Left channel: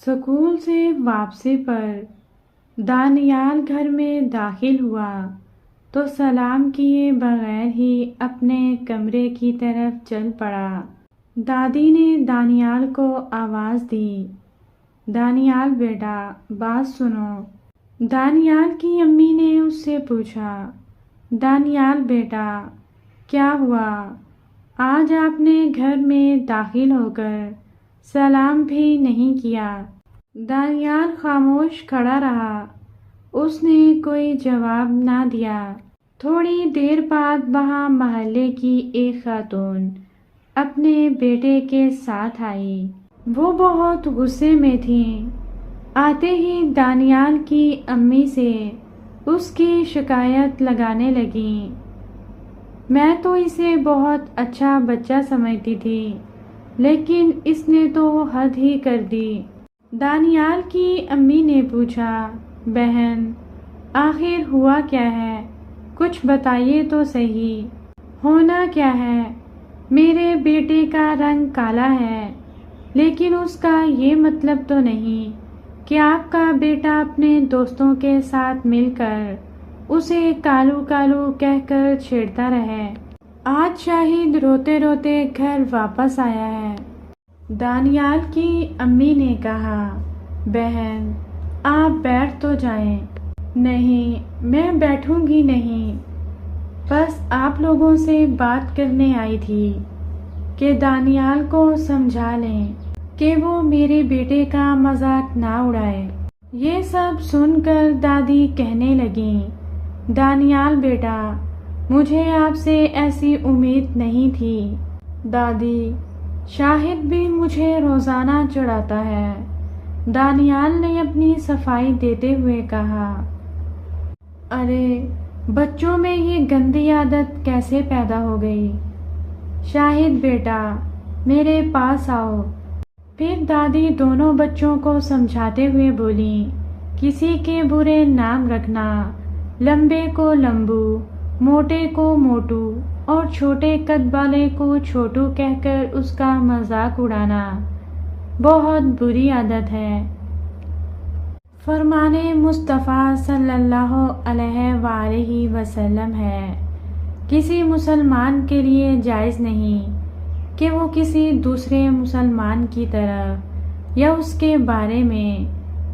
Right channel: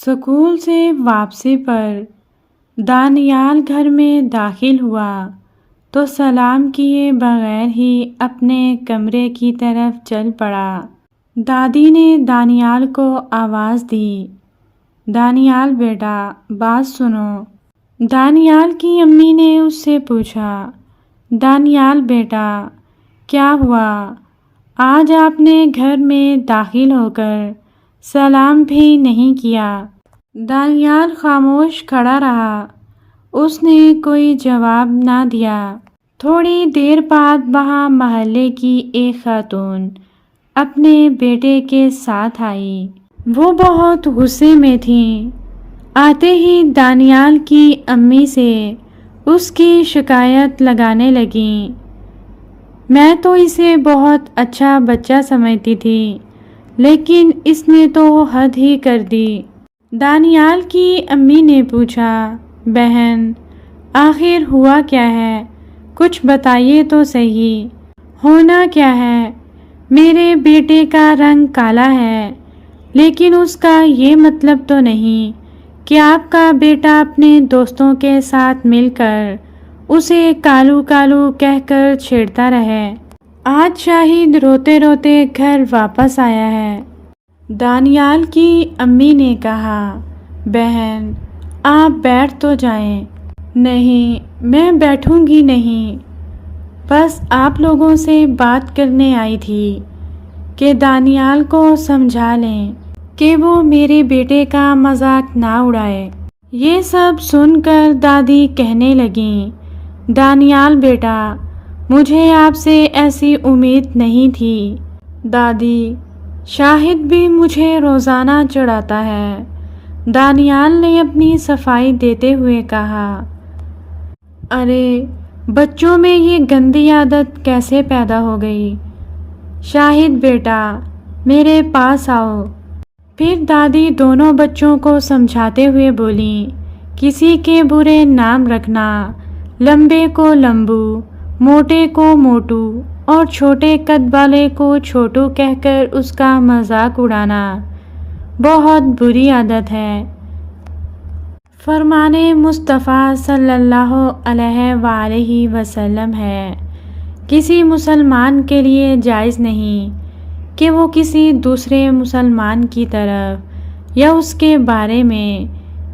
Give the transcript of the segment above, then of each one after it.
School سے واپسی پر دانیال گھر میں داخل ہوا تو سلام کیے بغیر ہی اپنے کمرے کی طرف چل پڑا۔ دادی نے دانیال کو آواز دی، دانیال بیٹا بات سنو۔ دانیال کی امی نے اس سے پوچھا، دانیال بیٹا کیا ہوا؟ آج آپ نے گھر میں داخل ہو کر سلام بھی نہیں کیا۔ دانیال خاموش کھڑا رہا، اس نے کوئی جواب نہ دیا۔ تھوڑی دیر بعد وہاں محلے کی ایک خاتون اپنے بیٹے کے ساتھ آئی۔ وہ بہت غصے میں تھیں۔ آتے ہی دانیال کی امی سے اس کی شکایت لگانے لگیں۔ میں تو اسے بہت اچھا بچہ سمجھتی تھی، لیکن اس نے تو حد ہی کر دی۔ دانیال کی امی نے پوچھا، بہن آخر ہوا کیا ہے؟ کچھ بتائیے تو صحیح۔ ہونا کیا ہے؟ میرے بیٹے کا رنگ کالا ہے، لیکن اس کا یہ مطلب تو نہیں کہ آپ کا بیٹا اپنے دوستوں کے ساتھ مل کر اسے کالو کالو کہہ کر چھیڑتا رہے۔ آج شاہد روتے روتے گھر واپس آیا ہے۔ دانیال کی امی نے کہا، بہن آپ بیٹھ تو جائیں۔ نہیں میں بیٹھوں گی نہیں، بس آپ لوگوں سے بات کرنے آئی تھی کہ دانیال کو سمجھا لیں کہ وہ میرے بیٹے کا مذاق نہ اڑائے۔ یہ سب سن کر دادی کہنے لگیں، دانیال بیٹا مجھے آپ سے ایسی امید نہیں تھی۔ دادی شاہد بھی مجھے روزانہ چڑھاتا ہے۔ دانیال نے اپنی صفائی دیتے ہوئے کہا، ارے بچوں میں یہ گندی عادت کیسے پیدا ہو گئی؟ شاہد بیٹا میرے پاس آؤ۔ پھر دادی دونوں بچوں کو سمجھاتے ہوئے بولیں، کسی کے برے نام رکھنا، لمبے کو لمبو، موٹے کو موٹو اور چھوٹے قد والے کو چھوٹو کہہ کر اس کا مذاق اڑانا بہت بری عادت ہے۔ فرمان مصطفیٰ صلی اللہ علیہ وآلہ وسلم ہے، کسی مسلمان کے لیے جائز نہیں کہ وہ کسی دوسرے مسلمان کی طرف یا اس کے بارے میں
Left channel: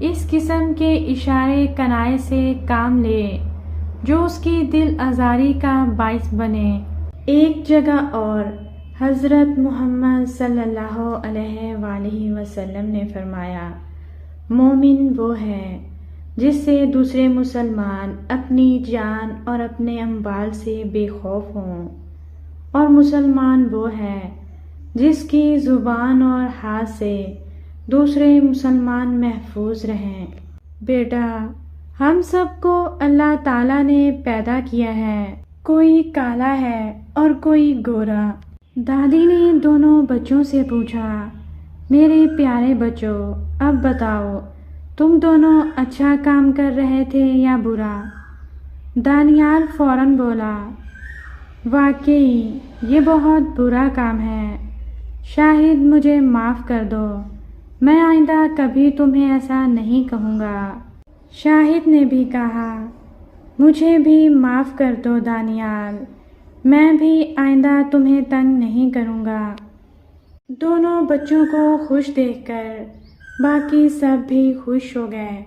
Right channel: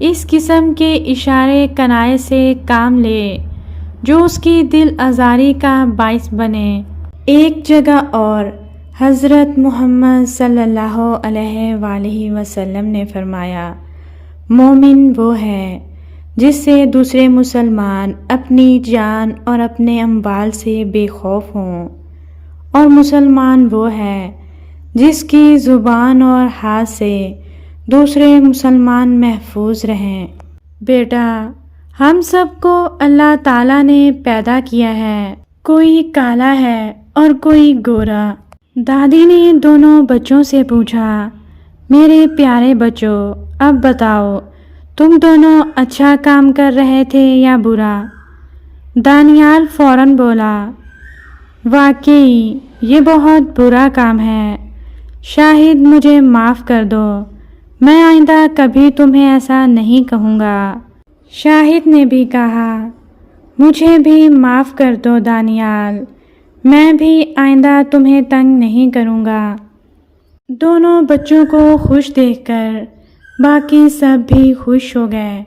اس قسم کے اشارے کنائے سے کام لے جو اس کی دل آزاری کا باعث بنے۔ ایک جگہ اور حضرت محمد صلی اللہ علیہ وآلہ وسلم نے فرمایا، مومن وہ ہے جس سے دوسرے مسلمان اپنی جان اور اپنے اموال سے بے خوف ہوں، اور مسلمان وہ ہے جس کی زبان اور ہاتھ سے دوسرے مسلمان محفوظ رہیں۔ بیٹا ہم سب کو اللہ تعالیٰ نے پیدا کیا ہے، کوئی کالا ہے اور کوئی گورا۔ دادی نے دونوں بچوں سے پوچھا، میرے پیارے بچوں اب بتاؤ تم دونوں اچھا کام کر رہے تھے یا برا؟ دانیال فوراً بولا، واقعی یہ بہت برا کام ہے، شاہد مجھے معاف کر دو، میں آئندہ کبھی تمہیں ایسا نہیں کہوں گا۔ شاہد نے بھی کہا، مجھے بھی معاف کر دو دانیال، میں بھی آئندہ تمہیں تنگ نہیں کروں گا۔ دونوں بچوں کو خوش دیکھ کر باقی سب بھی خوش ہو گئے۔